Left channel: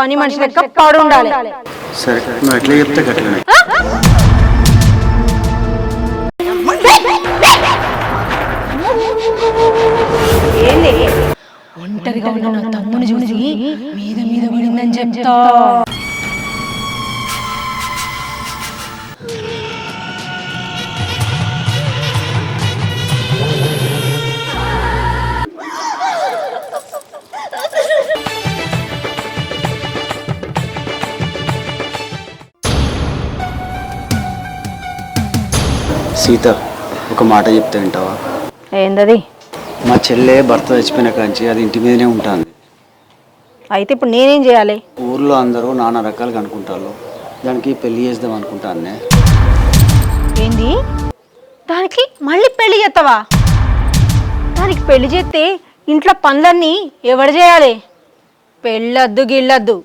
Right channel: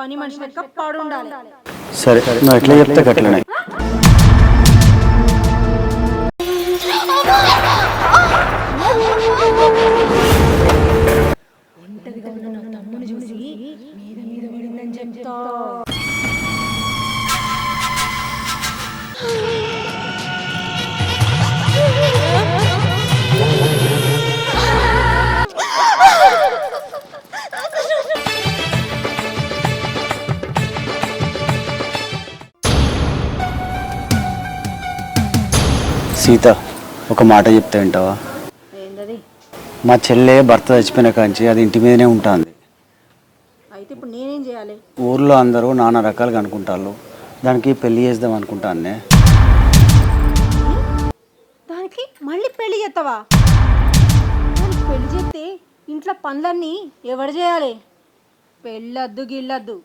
పని మనిషి లెక్క పాడు ఉండాలి. సరే నువ్వు ఎట్లా చెప్తే గట్లనే. ఏంది ఒంటరిగా ఉన్న నా తమ్ముని చూసి మీద మీద పడిందని చెప్తా. సీత ఒక మాట చెప్తే వింటావా? ఏందది? మా చెల్లె భర్త చచ్చిపోయిన కాంచి అది ఇంటి మీదనే ఉంటుంది. అయితే ఇప్పుడు నేనేం చేయాలి? ఊర్లో అందరూ నానా రకాలుగా అనుకుంటారు, దానికి పెళ్లి చేద్దాం అనుకుంటానే. ఏంది? దానికి మళ్ళీ పెళ్లి చేస్తావా? దానికి పెళ్లి చేస్తే ఇంట్లో పనులన్నీ ఎవడు చేయాలి? పెళ్ళొద్దు గిళ్ళొద్దు,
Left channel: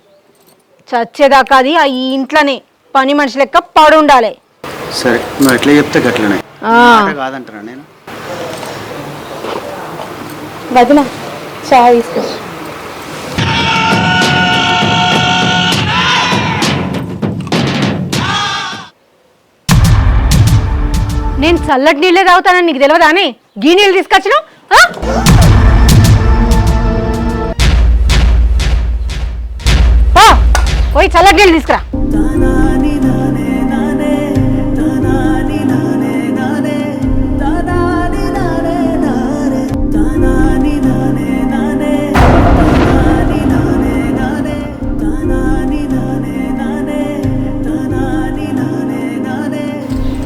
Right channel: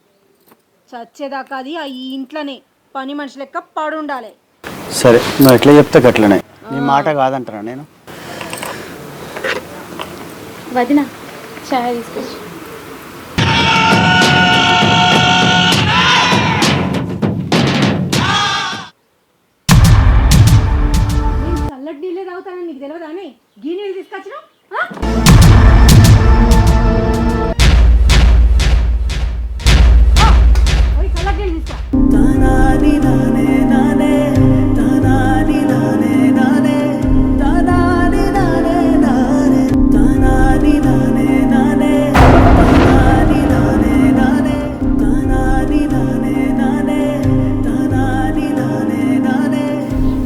చచ్చేదాకా అది ఆ ఇంట్లోనే పని మనిషి లెక్క పాడు ఉండాలి. సరే నువ్వు ఎట్లా చెప్తే గట్లనే. మాట కాదంటారా నేను? వదిన చాయ్ తీసుకొచ్చి. నేను చల్లటి నీళ్ళే తాగుతానని నీకు తెలియదా? అని గీ నీళ్ళు తీసుకొచ్చినావు. పోయి చల్లటి నీళ్ళు తీసుకురా.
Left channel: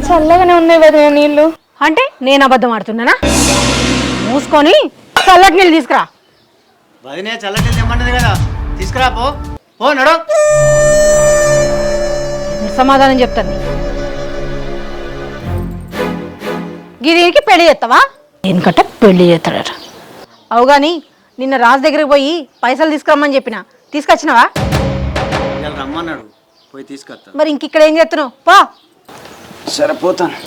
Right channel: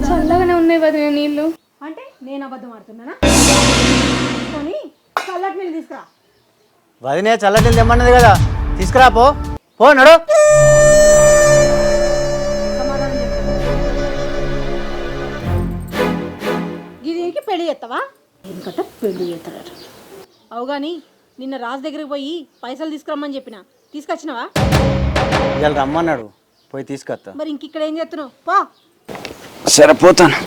చల్లగానే ఉన్నాయి వదిన నీళ్ళు. అంటే నేను అబద్ధం ఆడుతున్నానా? మూసుకొని చల్లటి నీళ్ళు తీసుకురా. వదినే చల్లటి తెమ్మన్నది కదా, తీసుకురా. పో పో నడు. సమాధానం చెప్తాను. గిరికి పెళ్లి చేస్తావా? ఎందుకంటే పెళ్లి చేస్తాడట. అవు కానీ నిన్న రాజు దగ్గరికి పోయి పైసలు తీసుకురమ్మని చెప్పిన, తీసుకొచ్చినావా? రమ్మన్నాడు, పోయి తీసుకొస్తా. మరి ఇంకిక్కడ ఏం చేస్తున్నావు? పో. సరే పోతాను.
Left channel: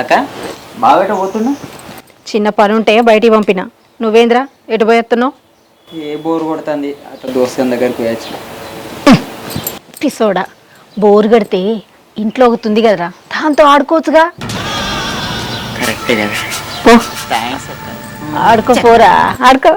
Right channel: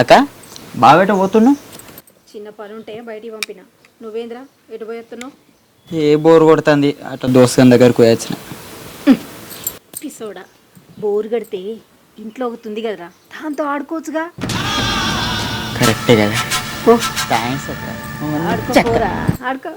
అక్క బాగా పోతున్నావు? చిన్న పని ఉంటే బయటికి పంపిన. నువ్వేంద్రా ఎటు పోయేస్తున్నావు? ఏ బోర్ కొడుతుంది, అట్లా దోస్తుని దగ్గరకు పోయచ్చు. పిసోడా, బోరు కడితే ఇంట్లో అవుతుంది కదరా, దాంతో ఆడుకోవచ్చుగా. కరెక్టే కదా. పో ఆడుకోపోరా, ఆడుకో.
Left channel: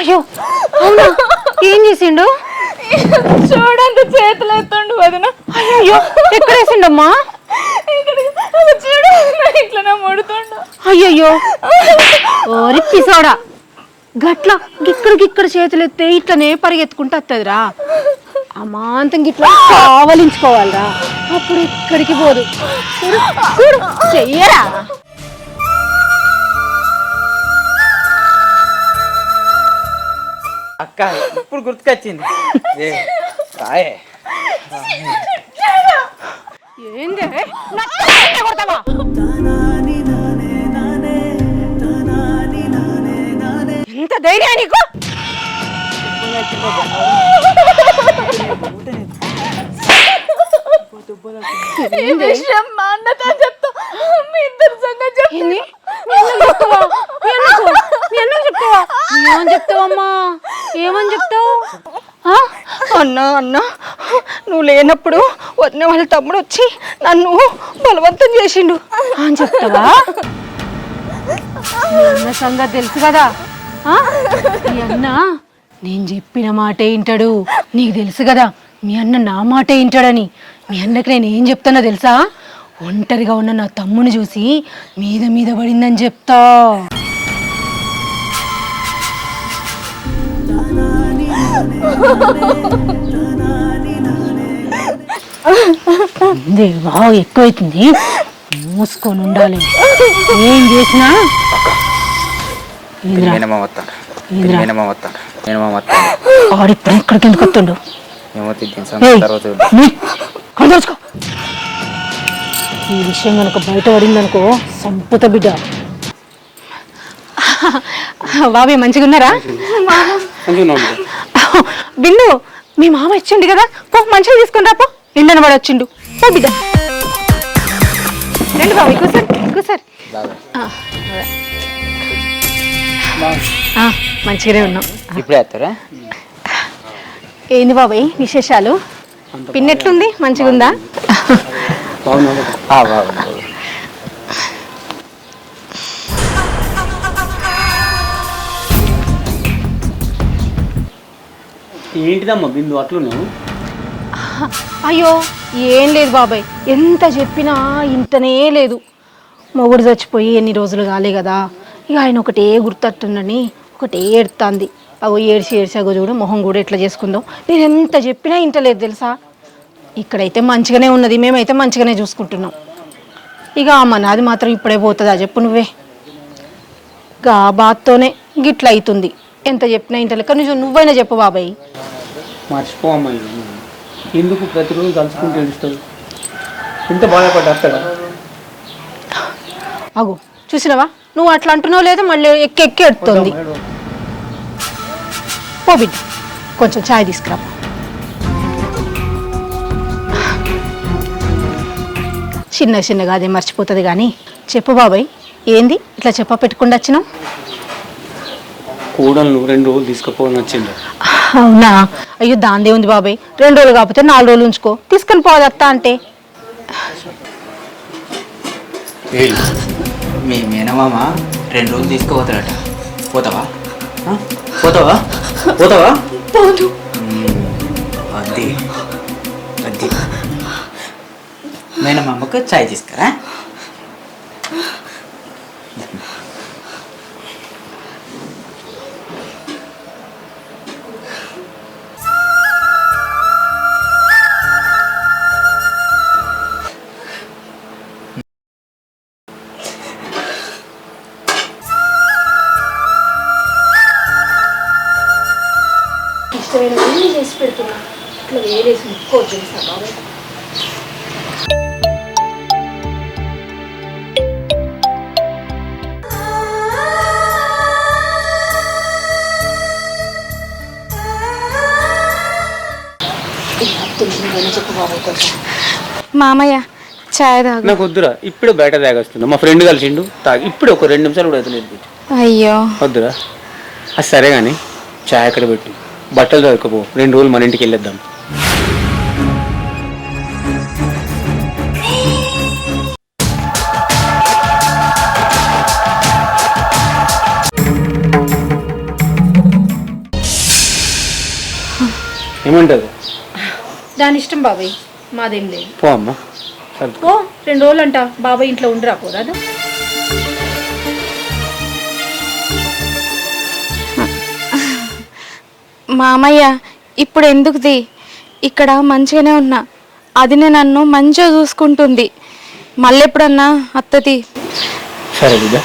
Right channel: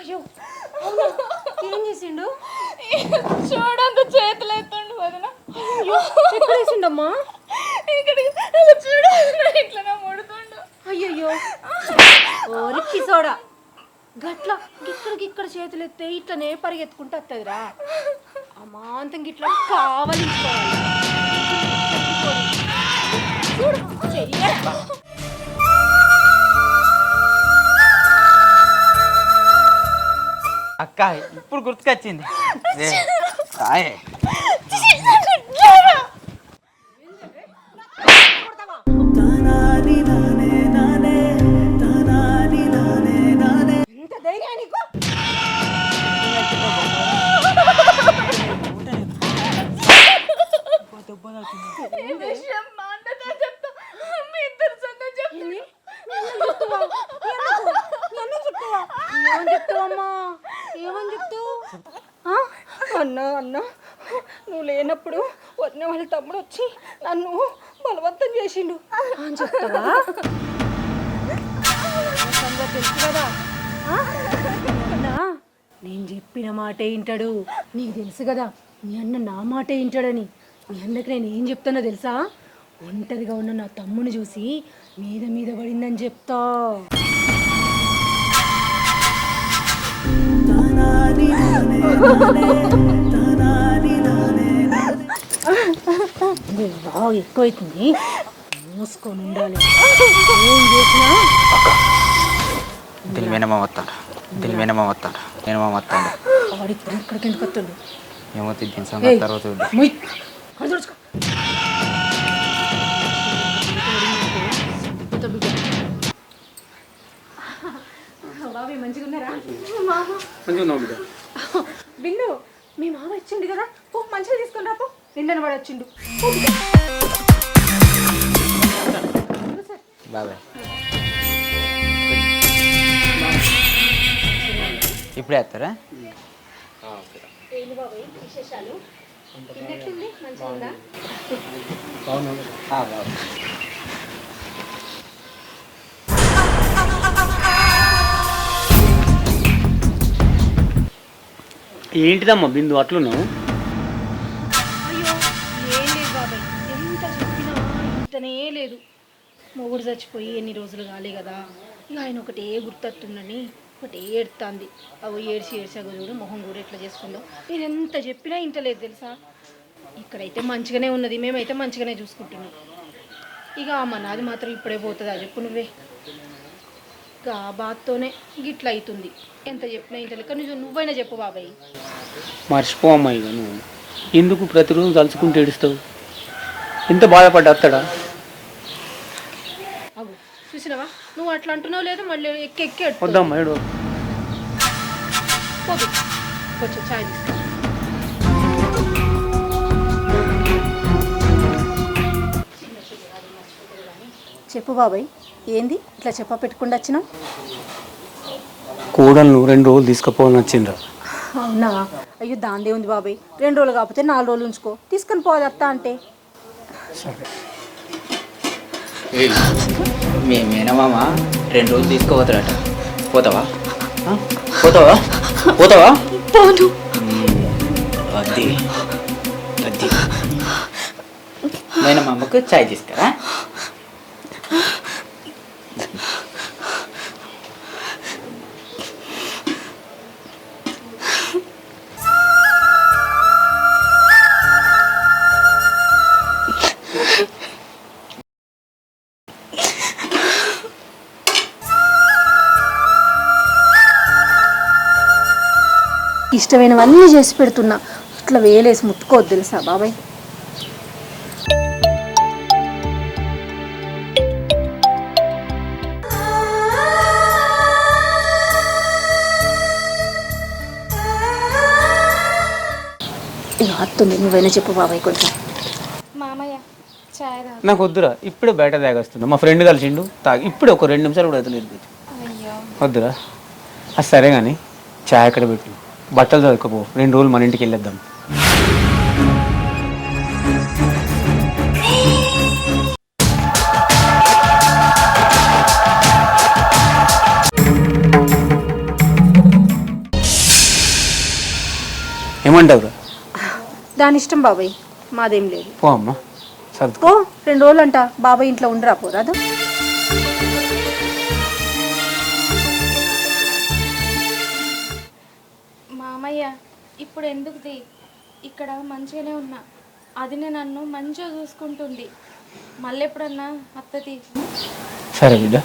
అయ్యో అవునా? ఏం చేసిండు? చూడండి చేతులు ఎత్తుండు వదిన. అయ్యో ఎక్కడేసిండమ్మా? ఇట్లా ముడుతుండు. అయ్యయ్యో ఓరి పిసోడా, గట్ల గిక్కడ చేతులు ఎత్తే ఇట్లనే పరిగెత్తుకుంటూ వస్తుందిరా. అమాంతం గిట్లా కావలించుకోవాలిరా, అప్పుడు ఇక్కడికి పోదు. చూడు చెయ్యరా. అక్క అక్క ఇప్పుడు గుర్తుకొచ్చింది. కాయే ఏంది నా తమ్ముడిని కొడతావా? ఎంత ధైర్యం నీకు? ఈ విషయం మా అన్నతో చెప్తా. మీ ఇద్దరు సంగతి చెప్తా. ఏంది? మీ అన్నకు చెప్తావా? మీ అన్నకు చెప్తావా? ఏమని చెప్తావమ్మా? ఏమని చెప్తావు? అన్నా నువ్వు లేనప్పుడు వదిన వాళ్ళ తమ్ముడు వచ్చి నన్ను బలవంతం చేసిండు అని చెప్తావా? అన్న సంగతి తెలుసు కదా. మీ అన్న నేను చెప్పిన మాటే వింటాడు. నీకు తెలుసు కదా మీ అన్న నా మాటే వింటాడని. మీ అన్నకి నేను ఏం చెప్తానో తెలుసా? ఒంటరిగా ఉన్న నా తమ్ముని చూసి మీద మీద పడిందని చెప్తా. బాగా ఎక్కువైతుంది, మూసుకొని ఉండాలి. ఏం చేసినా ఆడిప్పుడు ఇక్కడికి ఎందుకు వస్తుండు? ఈ విషయం కనుక బయట పడిందనుకో సంపుత బిడ్డ. బాబీ మంచిగా ఉన్నారా? బిందు మీ మామ ఇచ్చిండు కదా, పో మంచిగా తీసుకుని రాపో. నిండన వాడు వచ్చిండు. పో బిడ్డ రండి బాబు, కూర్చోండి. మంచిగానే ఉన్నాం. ఇప్పుడే వేస్తారా? ఏంది బాబాయ్ విశేషాలు? పిన్నెట్లుంది? మంచిగా ఉందా? ఏంటిదమ్మా బిందు అట్లు నువ్వు? అయ్యో ఏం లేదు బాబాయ్, ఎంత చెప్పినా ఇంతనే లేదు. మొగుడు చచ్చిపోయి ఎన్ని రోజులు కాలే కదా, ఇక ఆయన ఒకటే గుర్తొస్తుందని ఒకటే ఏడుతుంది. అగో ఏడ్చి అగో చూడు మొహం కూడా ఎట్లా చేసుకుందో. నేను ఎంత చెప్పినా ఇంటలేదు తెలుసా. ఇక్కడైతే మంచిగానే ఉన్నది, మేమైతే మంచిగానే చూసుకుంటున్నాం. ఇక అమ్మ నాది మాత్రం ఇప్పుడే పోతుందా చెప్పు నువ్వే. గా బాత్తోనే గిట్ల అవుతుంది. ఎంత చెప్పినా ఇంటలే. కానీ నువ్వైనా చెప్పు బాబాయ్. మర్చిపోమ్మా ఇక నువ్వు. ఎందుకు ప్రతిరోజు కలుసుకుంటూ ఏడుస్తావు? ఎంత బాధపడ్డా? అగో చూసినావా, నువ్వు అట్లా అంటున్నావు లేదా మళ్ళీ ఎక్కి ఎడుతుంది. పోబి కొంచెం ఛాయ్ తీసుకురా. చిన్నగా అదే మర్చిపోతుంది కానీ చెప్పు బాబాయ్, ఏంది ఇట్లా పెట్టుకుండా వచ్చినావు? కోడలు 2 రోజులు తీసుకుపోవాలని వచ్చిండ. అవునా? అయ్యో దాందే ఉంది బాబాయ్, 2 రోజులు కాకపోతే 4 రోజులు ఉంచుకో, తీసుకొని పోదత్తా అంటే. మీ మేనమామ 2 రోజులు తీసుకుపోతాడట. పోతావా? వద్ది మేనమామకు చాయ్ తీసుకురా. ఇష్టమైనవన్నీ చేసి పెడుతున్నా, ఇట్లా వేలేసి ముట్టుకోవద్దు తెలుసా బాబాయ్. నువ్వైనా చెప్పు బాబాయ్ కొంచెం. మామయ్య చాయ్ తాగు. నాకు వద్దురా, ఇప్పుడు బయట తాగొస్తున్నా. మా ఫ్రెండ్ కలిసిండు, తాగి ఇప్పుడు ఒక 2 నిమిషాలు కూడా అవుతుంది. అయ్యో వద్దురా. అది సరే కానీ చాయ్ అక్కడ పెట్టు, బట్టలు దొరకపో. 2 రోజులు మన ఇంటికి వెళ్ళొద్దాం. ఏమంటారు? దాని ఇష్టం బాబాయ్, మాదేం లేదు. పో అమ్మా. ఓ 2 రోజులు అంట బాబాయ్ ఇంట్లో ఉండరా పోరాదు. మామయ్య ఇప్పుడు ఎందుకుది? ఇక్కడ మంచిగానే ఉన్నా, అదినే నన్ను మంచిగా చూసుకుంటుంది. మళ్ళీ ఎప్పుడన్నా అత్తది. సరే బిడ్డ,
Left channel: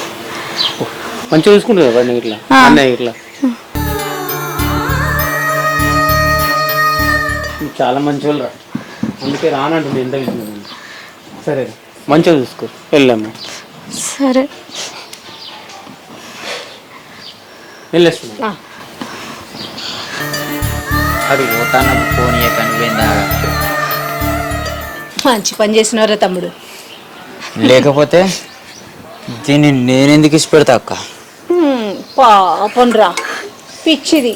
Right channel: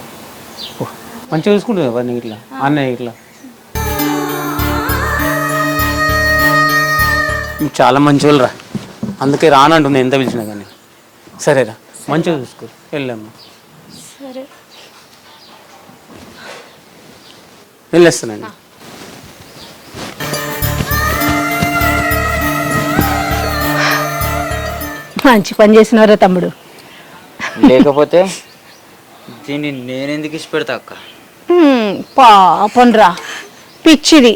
మంచిగా చూసుకుంటుంది ఇట్లా అన్నయ్య ఇట్లా. చాలా మంచోళ్ళు రా, అందుకే రానంటుంది ఎంత పిలిచినా కానీ. సరేరా, మంచిగా చూసుకో, వెళ్ళాము. సరే వెళ్ళేస్తాను. మంచి పని చేసినారా తమ్ముడు. లేకపోతే దీన్ని నేనెందుకు ఇష్టపెడతా అక్క? పాపండ్రా పిచ్చిది.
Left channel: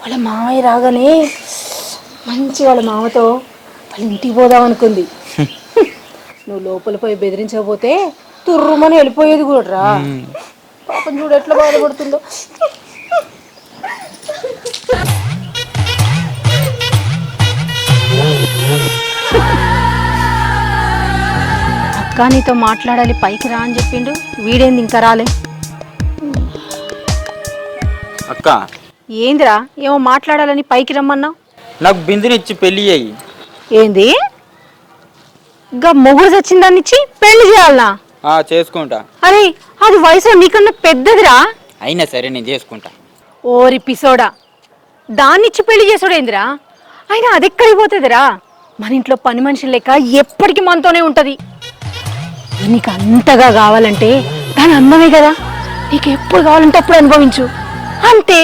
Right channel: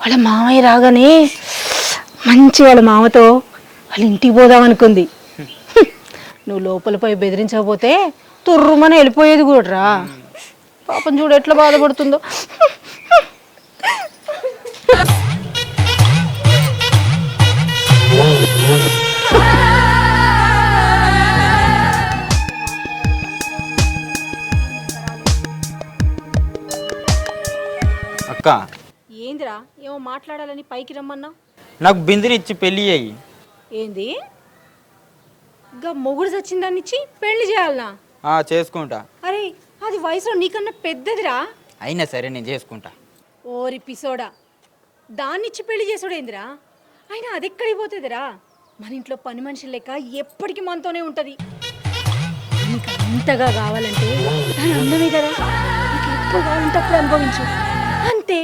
వాళ్ళ మామయ్య రాగానే మంచి వాళ్ళ మామతో వాళ్ళ ఇంటికి పోదాం అనుకుంది. నువ్వు లోపల పోయి బెదిరించకపోతే తుర్రుమని వెళ్ళిపోయేది కూడా రా. పాపం చూడు ఎట్లా బాధపడుతుందో. నీతో మాట్లాడాలి పైకి రా అని చెప్పిండు, వీడేంది ఇంకా రాలే. అక్క ఏందిరా ఏమో మాట్లాడాలని పైకి రమ్మన్నావు? నాకు బిందునిచ్చి పెళ్లి అయ్యి. ఏంది గా మొగుడు చచ్చిందాన్ని ఇచ్చి పెళ్లి చేయాలనా? చేసుకుంటా. అరే అది వయసులో నీకన్నా పెద్దదిరా. అయినా సరే నేను చేసుకుంటా. ఓరి పిసోడా, దాన్నిచ్చి పెళ్లి చేసుడేందిరా? అయినా అది ఎక్కడికి పోతుందిరా? మన ఇంట్లో పని మనిషి లెక్క ఎప్పటికీ మనతోనే ఉంటది. నీకు అంతగా కావాలంటే దాని అందమే కదా, నీకు ఎప్పుడు కావాలంటే అప్పుడు అనుభవించు అంతే.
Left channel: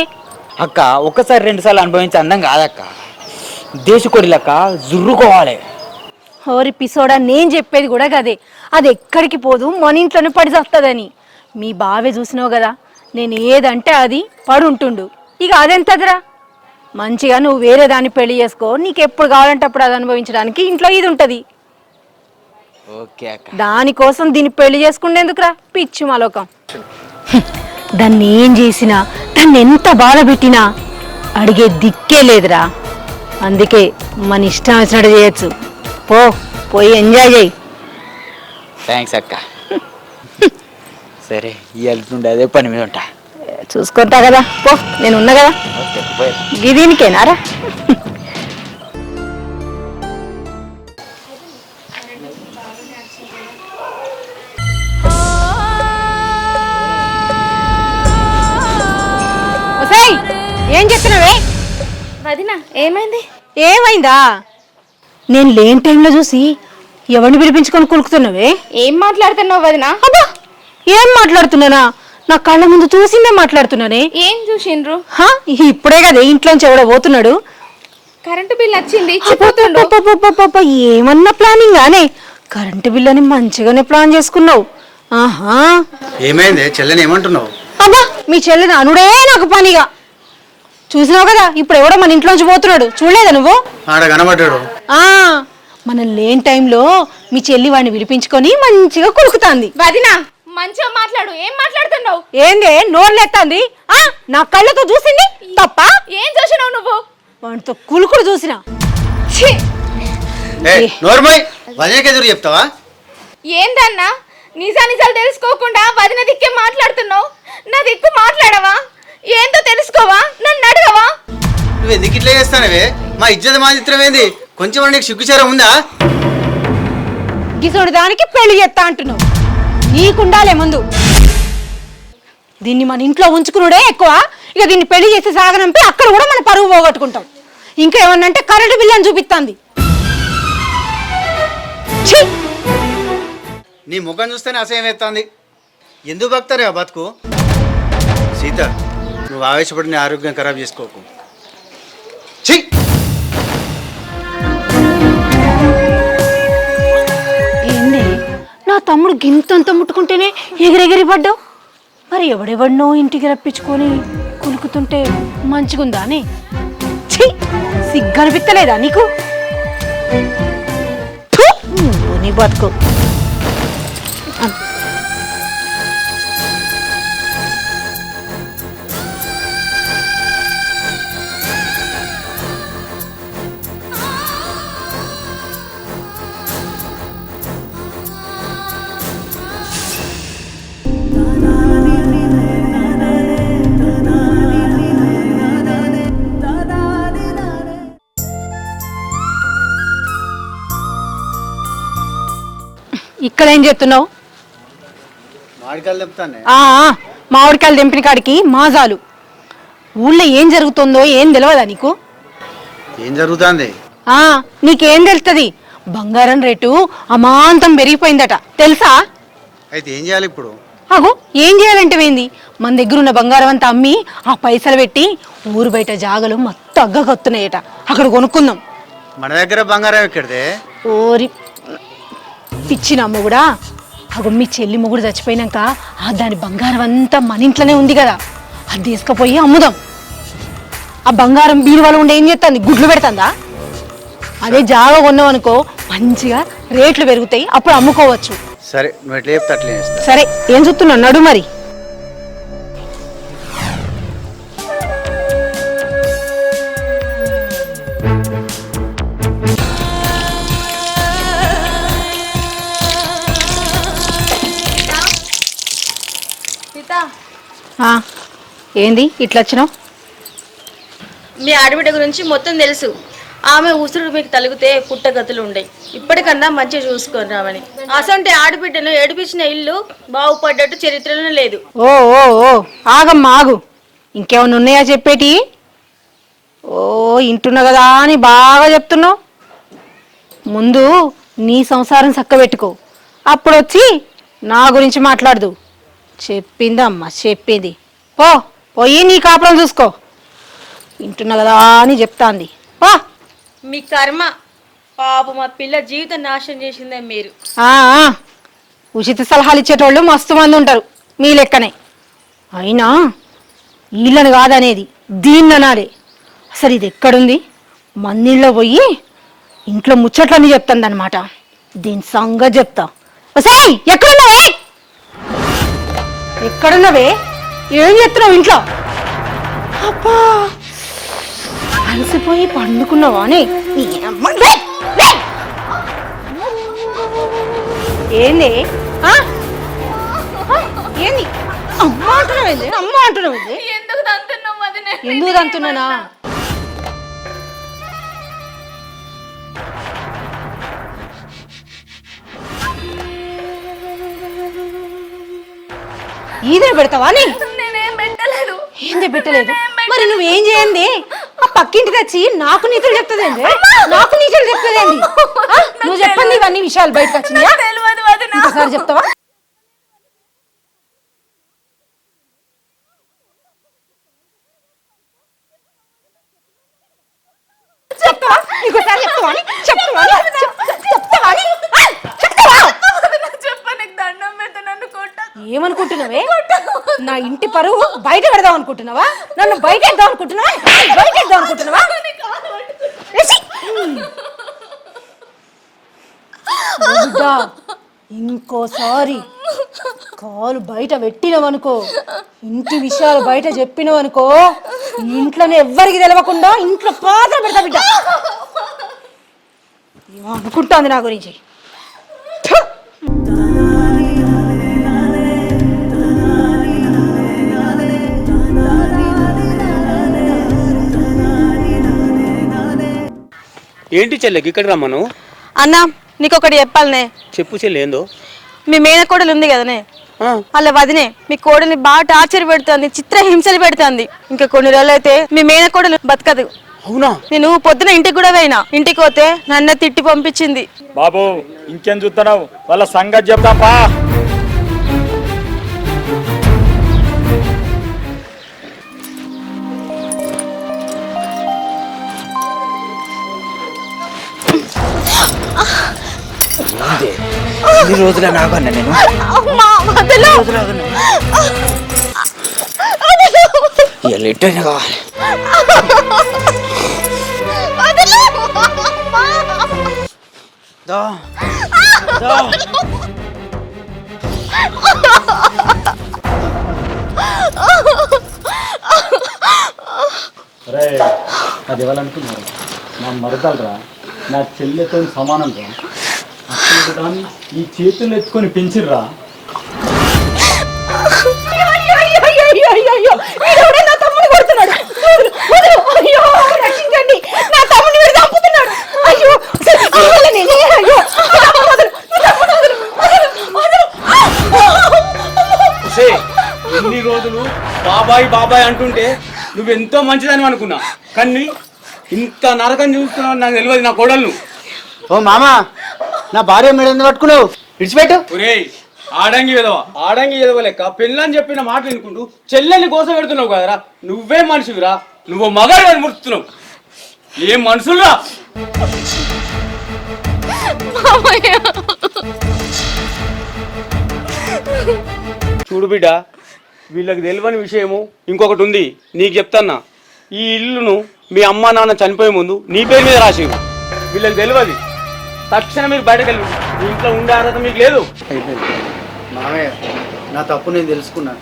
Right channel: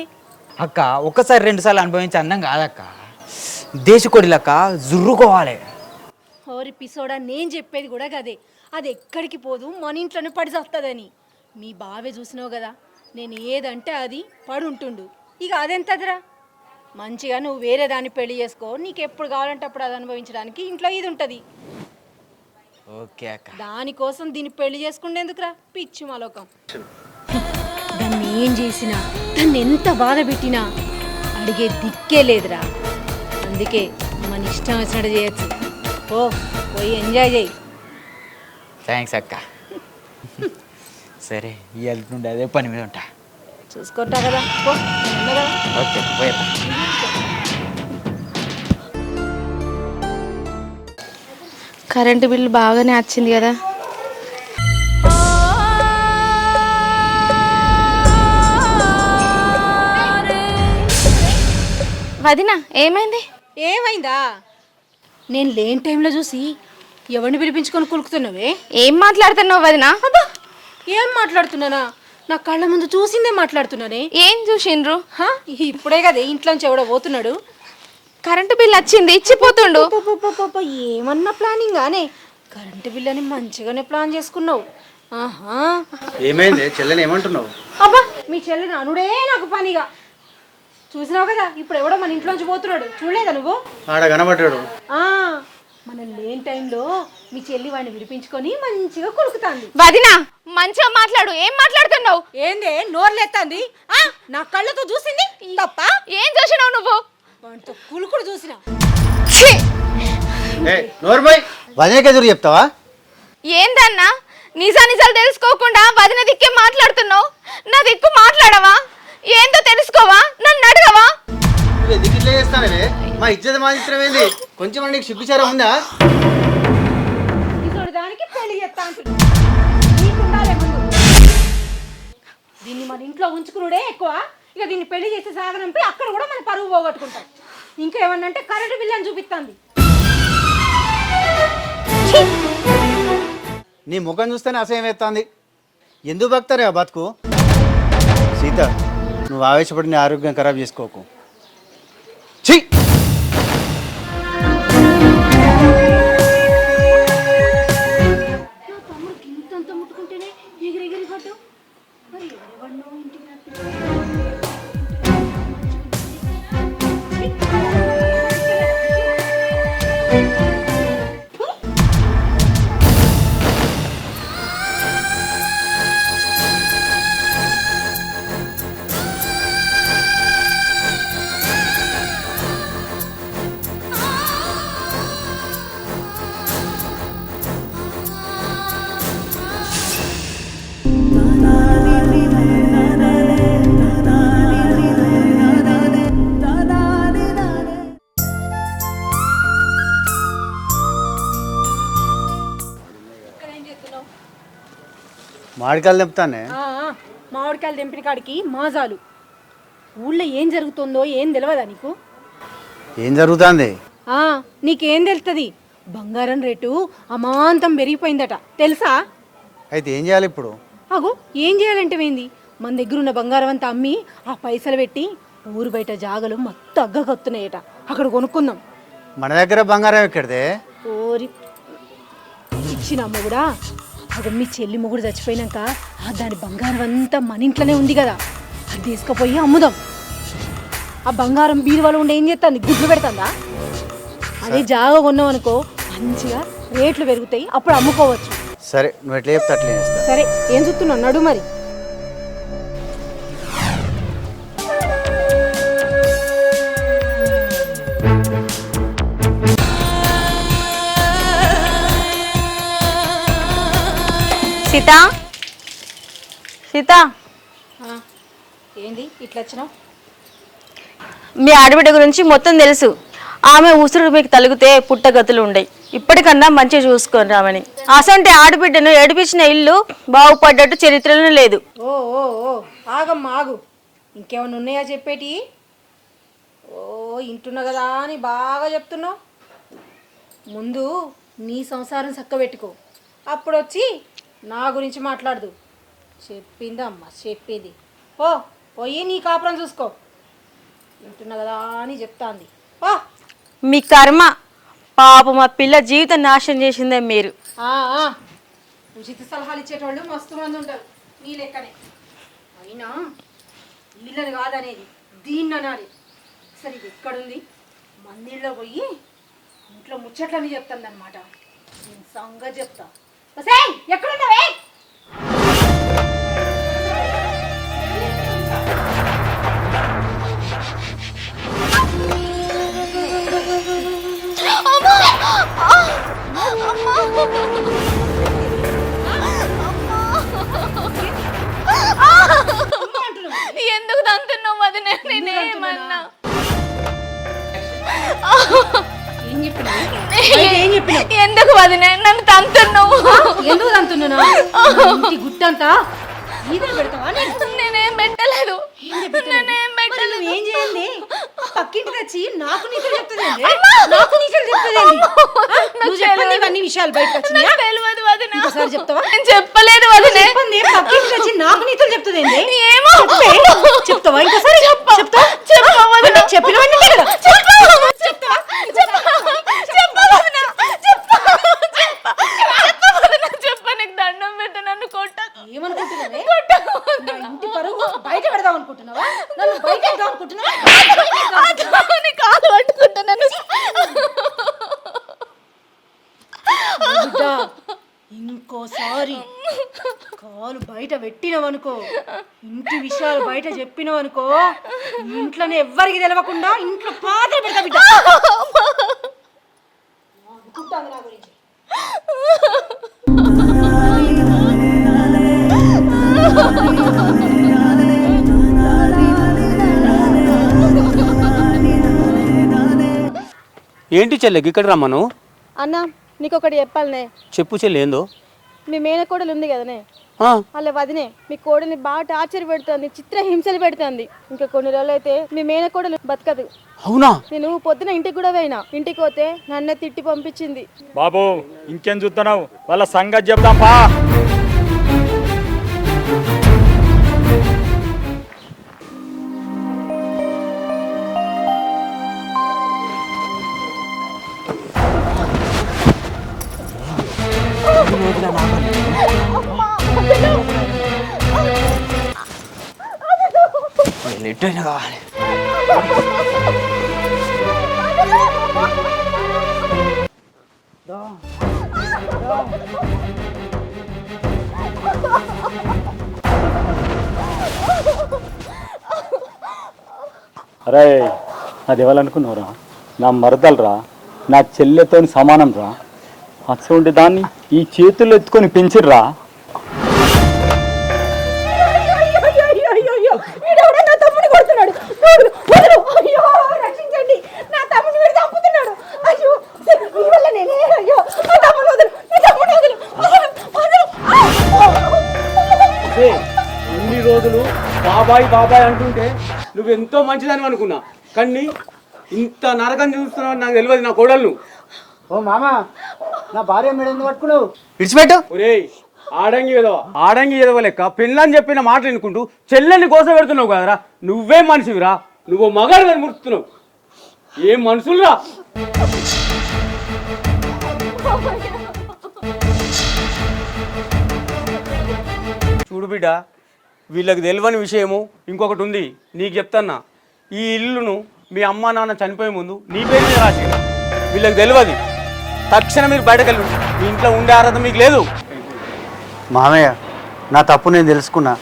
అక్క ఒక్కసారి 2 సార్లు అనుభవించి అందం కాదక్క, దేశకొడి లెక్క జుర్రుకోవాలి. ఓరి పిసోడా, నేను చెప్పేది కూడా కదే. అది ఎక్కడికి పోదు, మన ఇంట్లోనే పడి వస్తుందని. మీ బావే చూసినావు కదా, నేను ఏదంటే అది పడి ఉంటుండు. ఇక అదెంతదిరా? మంచిగా నువ్వు వేరే దాన్ని పెళ్లి చేసుకో, నీకు ఎప్పుడు కావాలంటే అప్పుడు అది అనుభవించడానికి ఇంట్లో ఇది ఉంటుంది. ఓకే అక్క. దానికోసం దీన్ని పెళ్లి చేసుకుండేందుకురా పిచ్చి మాలోకం. దాన్ని ఏం చేసినా, దాన్ని ఎంత బాధ పెట్టినా అడిగే దిక్కే లేదురా. అందుకే మన ఇష్టం వచ్చినట్టు చేయొచ్చు. పోయి ఎంజాయ్ చేయి. థ్యాంక్స్ అక్క. సరే వెళ్తుండే అదే పని మీద ఉంటా. చూసుకుంటా కదా, పో నేను ఉన్నా కదా. దీనికేనారా? కరెంటు బిల్లు బాగానే వచ్చింది కదా. ఏం చెప్తున్నావే? వదినా ఏమైంది? ఏమైందా? నేను లేని టైంలో చూసి ఎవరిని పిలిపించుకొని కులుకుతున్నావే? ఏం మాట్లాడుతున్నావు వదినా? అబ్బా, ఏం మాట్లాడుతున్నానా? నా కళ్ళ ముందు చూసిందే మాట్లాడుతున్నానే. ఏం చూసిండ్రు? ఇప్పుడే కదా ఇంట్లోంచి ఎవడో పోతున్నాడు. కరెంటు బిల్ వచ్చింది ఇచ్చిపోతుండు. ఏమన్నా ప్లానింగ్ గానే? కరెంటు బిల్ అని మంచిగానే ప్లాన్ చేసుకున్నావు. ఆహా, ఏమైంది చెల్లెని ఏమంటున్నావు? అబ్బా, మీ చెల్లెని అనుడే నాకు పనిగా. చూసినావు కదా, ఇప్పుడు ఎవడో మన ఇంట్లోంచి పోతున్నాడు, చూడలేదా నువ్వు? ఆడ కనబడ్డాడు. మనం లేని టైంలో మీ చెల్లి వాడిని పిలిపించుకొని మంచిగా కులుకుతాంది. వదినా మంచిగా మాట్లాడు. ఏం మాట్లాడుతున్నావు? ఏందే నోర్లెత్తాంది? నా కళ్ళతో చూసింది తప్ప? ఏం చూసినావు నువ్వు? వాడితో కులుకుడు చూసినా. ఎదురు చెప్తావా? ఏందన్నా నిజాలు తెలుసుకోకుండా వదిన దిక్కే మాట్లాడుతున్నావు? నా దిక్కు మాట్లాడవా? ఏందో తెలుసుకోవా? నన్ను అడగవా? నువ్వు ఎందుకు ఇట్లా చేస్తానవే? మా ఇజ్జత మాత్రం ఏంది? కొంచెం నీకు సిగ్గుచారం ఉందా? ఇతడు దానికి పెళ్లి చేస్తా అంటున్నావు, నీకుండాలే ముందు. దీన్ని మన ఇంట్లో ఉంచుకున్నాడే ఎక్కువ. ఇక దీన్ని పెళ్లి చేసి సాగనంపి అక్కడ కూడా మన పరువు పోగొట్టుకుంటాం. ఇంకా ఏమన్నా అంటే కరెంటు బిల్లు అని చూపిస్తుంది. నీ ముఖం చూస్తేనే అసహ్యం ఎత్తాంది. ఎందుకు బతారే ఆ బతుకు? సీత, నువ్వు ఆవేశపడి నీ ఆరోగ్యం ఖరాబ్ చేసుకోకు. నా తమ్ముడు గింతంత ముట్టుకుంటేనే ఎగిరెగిరి పడ్డావు. మరి ఎవడెవడినో ఇంటికి రప్పించుకొని కులుకుతుంటే మంచిగుందా అని సిగ్గనిపిస్తలేదా నీకు? నీ బతుకు. ఇక్కడ ఏం చేస్తున్నావు? మామిడికాయలు తెంపుతానే. మామిడికాయలు తెంపిన కాడికి మాజాలు. ఊళ్ళో ఏం జరుగుతుందో ఏం తెలియదా నీకు? ఏం జరుగుతుంది? నీకేం తెలుస్తుంది? బంగారం రేటు అమాంతం పెరిగిపోయిందట తెలుసా? అయితే ఏం చేయాలి ఇప్పుడు? అగో ఏం చేయాలంటే ఏంది, మన దగ్గర ఉన్న బంగారం అంతా అమ్మి ఆ పైసలు పెట్టి ఊరు బయట జాగలు మొత్తం అగ్గకొస్తున్నాయట, అక్కడ కొనుక్కుందాం. మన దగ్గర బంగారం ఎక్కడిదే? ఓరి పిచ్చిన అమ్మ కూడా, అగో మీ చెల్లి మొగుడు చచ్చిపోయినాక దాని బంగారం అంతా మన ఇంట్లోనే ఉంది కదా, అది తీసుకుపోయి అమ్ముదాం. ఆ బంగారం బీరువాలో ఉండి ఏం చేస్తుంది, గుడ్లు పెడుతుందా? అదే జాగ కొన్నాం అనుకో మంచిగా రేట్లు పెరుగుతాయి, అప్పుడు అమ్ముకోవచ్చు. సరే నువ్వు ఎట్లా చెప్తా అట్లా చేస్తా. సరే ఏం చూస్తున్నా నడు మరి. సీతా సీతా ఏంది ఇట్లా వచ్చినావు? మీ ఆడబిడ్డ గురించి మొత్తం తెలుసు. ఆమె ఉసురు మీకు తలిగితే పుట్టగతులు ఉండయి. ఇప్పటికన్నా మంచిగా చూసుకొని రామని. అసంటే ఆడబిడ్డను ఏడిపించిన ఇల్లు బాగుపడ్డట్టు చరిత్రలో లేదు. ఓ ఓ ఓ ఆగమ్మా ఆగు, ఇంకేమన్నా ఉన్నాయా చెప్పేటి? ఓ ఇంటున్నా కదా అని బాగా చెప్తున్నావు. ముందు నీ సంసారం చక్కబెట్టుకో, అప్పుడు వచ్చి నా గురించి మాట్లాడదు. చెప్పిందమ్మా చెప్పింది. పోయి నీ కాపురం చూసుకో. ఇంటున్నా కదా అని చెప్తాంది. మీ కర్మ. పాప మా పిల్ల జీవితం నాశనం చేసిందే మీరు. ఉచిత సలహాలు ఇచ్చేటోళ్ళు మస్తు మంది ఉంటారు మీ లెక్కనే. అయినా వీళ్ళని కాదనేది, దీన్ని అనాలి. అసలు ఇది ఎక్కడుంది? మందిలో పోయి ఇంట్లో ముచ్చట్లన్నీ చెప్తాను అనమాట. దీని సంగతి చెప్తా. ఎక్కడున్నావే? ఎక్కడున్నావే? ఏం చెప్తున్నావు ఇంట్లో? అబ్బా అలసిపోయి పండుకున్నావా అని? ఏంది ఏంది అమ్మ అంటున్నావు? ఎందుకు తంతున్నావు వదినే? ఎందుకు తంతున్నానా? ఎందుకు వదినే నన్ను తంతున్నావు? ఎందుకు తంతున్నానా? గుట్టంతా ఈయన పెడతావా? నేనేం పెట్టలేదు. ఏందే పెట్టలేదు? మరి నువ్వేం చేయండి? ఆ పక్కింటి తెచ్చి నాకు నీతులు చెప్తుందేంది? నాకు నీతులు చెప్తుందేంది? నువ్వు చెప్పండి, ఇవన్నీ విషయాలు బయటకు వచ్చినాయా? తెలియదు వదిన. ఒకసారి చెప్తావా? నేను చెప్పలేదు వదినే. చెప్పండి, పక్కింటి తెచ్చి నాకు నీతులు చెప్తుందేంది? ఏమో. చెప్తావా? ఇంకోసారి చెప్తావా? చెప్పినవన్నీ కదా. చెప్తావా? ఇంకోసారి చెప్తావా? చెప్తావా? చెప్పనికి దండం పెడతా, నన్ను కొట్టకు. ఏమనుకుంటున్నావే? నా ఇంటి పరువు బయట పెడదాం అనుకుంటున్నావా? నన్ను బయట ఎద్దాం అనుకుంటున్నావా? బయట ఎద్దాం అనుకుంటున్నావా? కాలు పట్టుకుంటున్నాను. ఇంకోసారి కాలు బయట పెట్టినవనుకో, ఇంటి విషయాలు బయట చెప్పినవనుకో, ఇంట్లోనే ఎవ్వరికి తెలవకుండా ఇంట్లో పాత్ర పెడతా బిడ్డ. ఏమో అనుకుంటాంది నా గురించి. ఏంటి చెల్లెకి ఇక్కడ రమ్మను? అన్నా నీకొకటి చెప్పాలనే. చెప్పు చెల్లి ఏందో. మీ మేనకోడలు ఉంది కదనే, అలా వదినే మీ కోడల్ని బాగా టార్చర్ పెడుతుంది, చిత్ర హింసలు పెడుతుంది. ఇంకా కొన్ని రోజులు అయితే మీ మేనకోడలు బతకదు. అవునా? నేను పొద్దున ఇంటికి కూడా పోయినా. ఇంటికి పోతే నన్ను తిట్టి పంపించింది. బాబు ఇంకేం చూస్తున్నావు? వాళ్ళ సంగతి చెప్తాపా. ఎన్ని రోజుల నాకన్నా నేను ఎట్టైనా కావాలి. అరే అది ఇవ్వాలనుకున్నారా? నా మరదలరా, నా చెల్లెతో సమానం రా. అటువంటి దాన్ని ఈ చేతుల్లో ఎత్తుకొని పెంచిర్రా. ఎన్ని రోజులు బాబాయ్ బాబాయ్ అంటుంటే నువ్వెంతో మంచిదని అనుకున్నా, కానీ ఇంత నరకం చూస్తున్నావు నాకు తెలియదు నా కోడళ్ళు. ఓ మామ, నా భార్య మీద ఎందుకు పట్టుకున్నావు? విడిచిపెట్టు. ఒరేయ్ ఆడంగి ఎదవ లెక్క పెళ్ళని చెప్పిన మాట వినుకుంటూ చెల్లెని కోసం పెడుతున్నావు కదరా. నువ్వే మనిషివిరా, నువ్వు మగాడు అని ముడుతున్నావు. ఏం మనుషుల్రా. చూడు బిడ్డ, వీళ్ళకి తెలియని విషయము ఇంకొకటి ఉంది, నీకు చెప్తాన్నా. ఈ ఇల్లును మీ అమ్మ నాన్న చనిపోయే ముందు నీ పేరు మీద రాసింది. వీళ్ళకి తెలియదు. తక్షణం మీరు బయటకెళ్ళు. మీ ఇంట్లో ఉండే అర్హత మీకు లేదు. మామయ్య, నా తప్పు నేను తెలుసుకున్నా.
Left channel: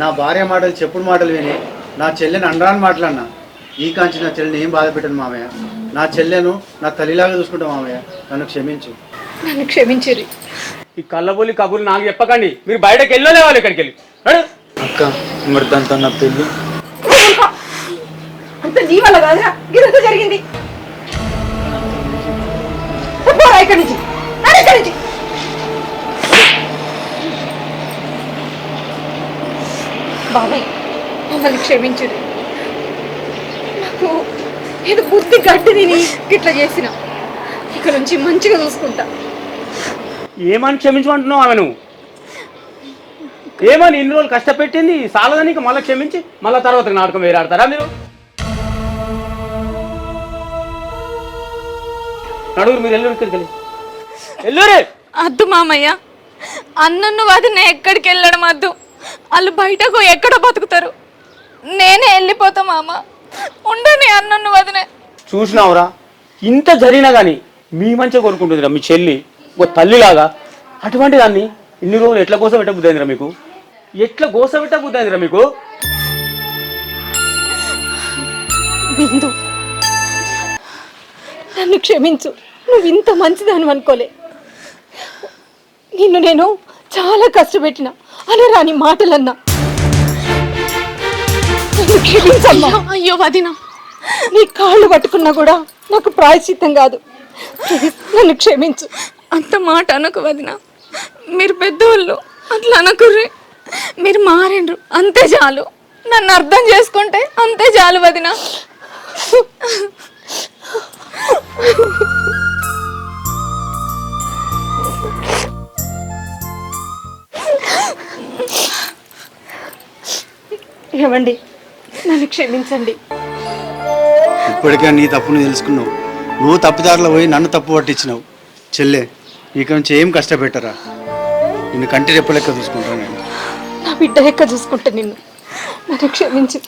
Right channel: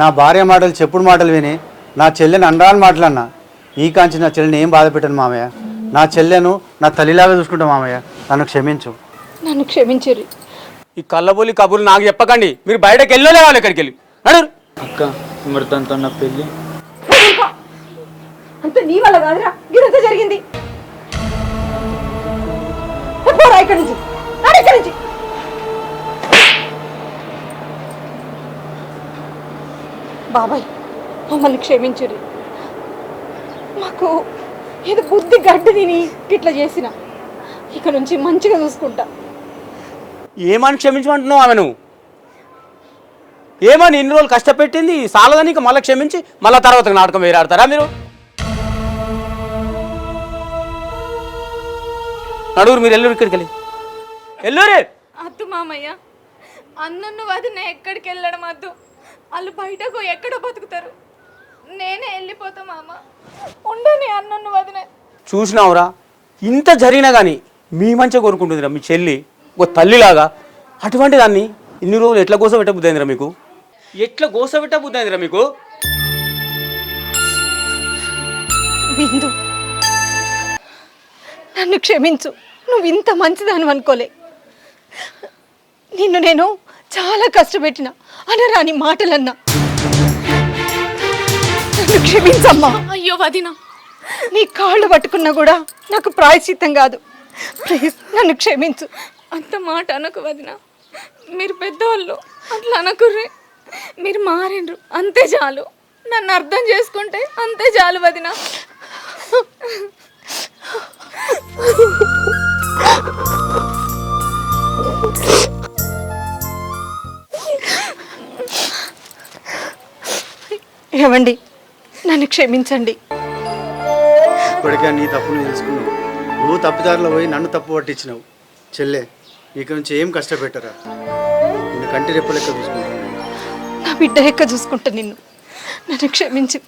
నా భార్య మాటలు చెప్పుడు మాటలు విని నా చెల్లెని అండాలని మాటలన్నా. ఈ కాంచి నా చెల్లెని ఏం బాధ పెట్టను మామయ్య. నా చెల్లెను నా తల్లిలాగా చూసుకుంటా మామయ్య. నన్ను క్షమించు. నన్ను క్షమించిరి. ఈ కళ్ళబొల్లి కబుర్లు నాకు చెప్పకండి. మీరు బయటకు వెళ్ళలేవాలి. ఎక్కడికి వెళ్ళి అడరు. అక్క, మరి దాంతో నా పెళ్ళి అంత నీ వల్ల కాదురా ఇదంతా జరిగింది. ఇక్కడి నుంచి ఇక్కడి నుంచి. బాబాయ్, మమ్మల్ని క్షమించు. నాకు ఏదో బుద్ధి గడ్డ తిని ఇట్లా చేసిన. ఇక నుంచి మంచిగా చూసుకుంటా. ఏమని క్షమించమంటున్నావు ఆమె? నువ్వు ఏమని ఇన్ని రోజులు కష్టపెట్టింది సాలదని మళ్ళీ క్షమించి మళ్ళీ తర్వాత నాటకం వేరే ఆడతారా మీరు? నడుగురు మీరు వెళ్ళరు. ఇక్కడికి వెళ్ళి వెళ్ళరే. అద్దు మామయ్య, అన్నన్ను వదిన ఎక్కడికి వెళ్ళడం వద్దు. వాళ్ళు బయటకు ఎక్కడో బతుకుతారు. నేనే వెళ్ళిపోతా మామ. ఉండని అన్నన్ను వదినే. చూసినావురా, ఇంత జరిగినా కానీ మీ మంచిగా కోరుకుంటుందిరా మీ చెల్లి, ఒక తల్లిలాగా. అటువంటి దాన్ని ఇన్ని రోజులు ఎట్లా గోస పెట్టబుద్దైందిరా మీకు? ఎట్లా గోస పెట్టబుద్దైందిరా మీకు? బిందు, నన్ను క్షమించు. నువ్వు ఇంత మంచిదాను అనుకోలే. నిన్ను నేను చాలా కష్టపెట్టిన అనరాని మాటలన్నా. నన్ను క్షమించమ్మా. అయ్యో వదిన, నీ కాళ్ళు పట్టుకున్నా కూడా నాకు ప్రాయశ్చిత్తం కాదు. ప్లీజ్ నన్ను క్షమించు. అంత మాట అనకు వదిన. మీరు పెద్దవాళ్ళు, అట్లా అనకుర్రి. మీరు మారిండ్రు, అంతే చాలు. నన్ను అర్థం చేసుకుంటే అంతే చాలు వదిన. ఏమండి, నన్ను క్షమించండి. ఇప్పటికే నీ తప్పును తెలుసుకున్నావు. నువ్వు తప్పుదారిలో పోయి నన్ను తప్పు పట్టించినావు. చెల్లె, ఇక నుంచి ఏం కష్టపెట్టరా. నిన్ను కంటి రెప్పు లెక్క చూసుకుంటాను. నా బిడ్డ లెక్క చూసుకుంటా నిన్ను. నన్ను క్షమించు.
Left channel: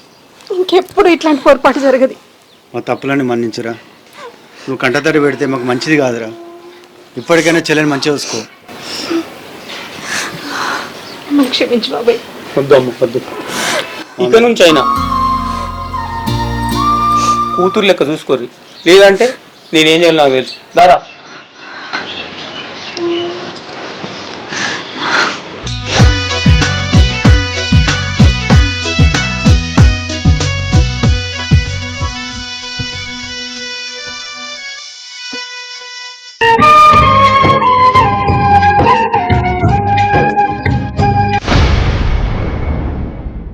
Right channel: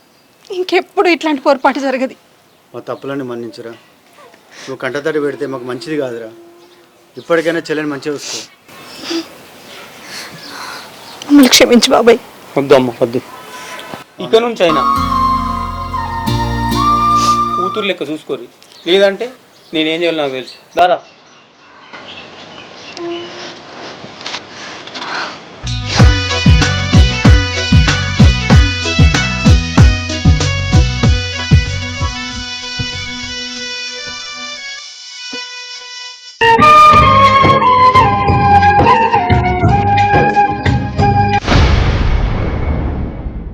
ఇంకెప్పుడు ఇట్లాంటి పొరపాటు జరగదు. మా తప్పులని మన్నించురా. నువ్వు కంటతడి పెడితే మాకు మంచిది కాదురా. ఇప్పటికైనా చెల్లెని మంచిగా చూసుకో. మమ్మల్ని క్షమించు బాబాయ్. వద్దమ్మ వద్దు. ఇక నుంచి అయినా కూతురు లెక్క చూసుకోర్రి. లేదంటే నేనేం చేయాలి నాకు తెలుసు. దారా.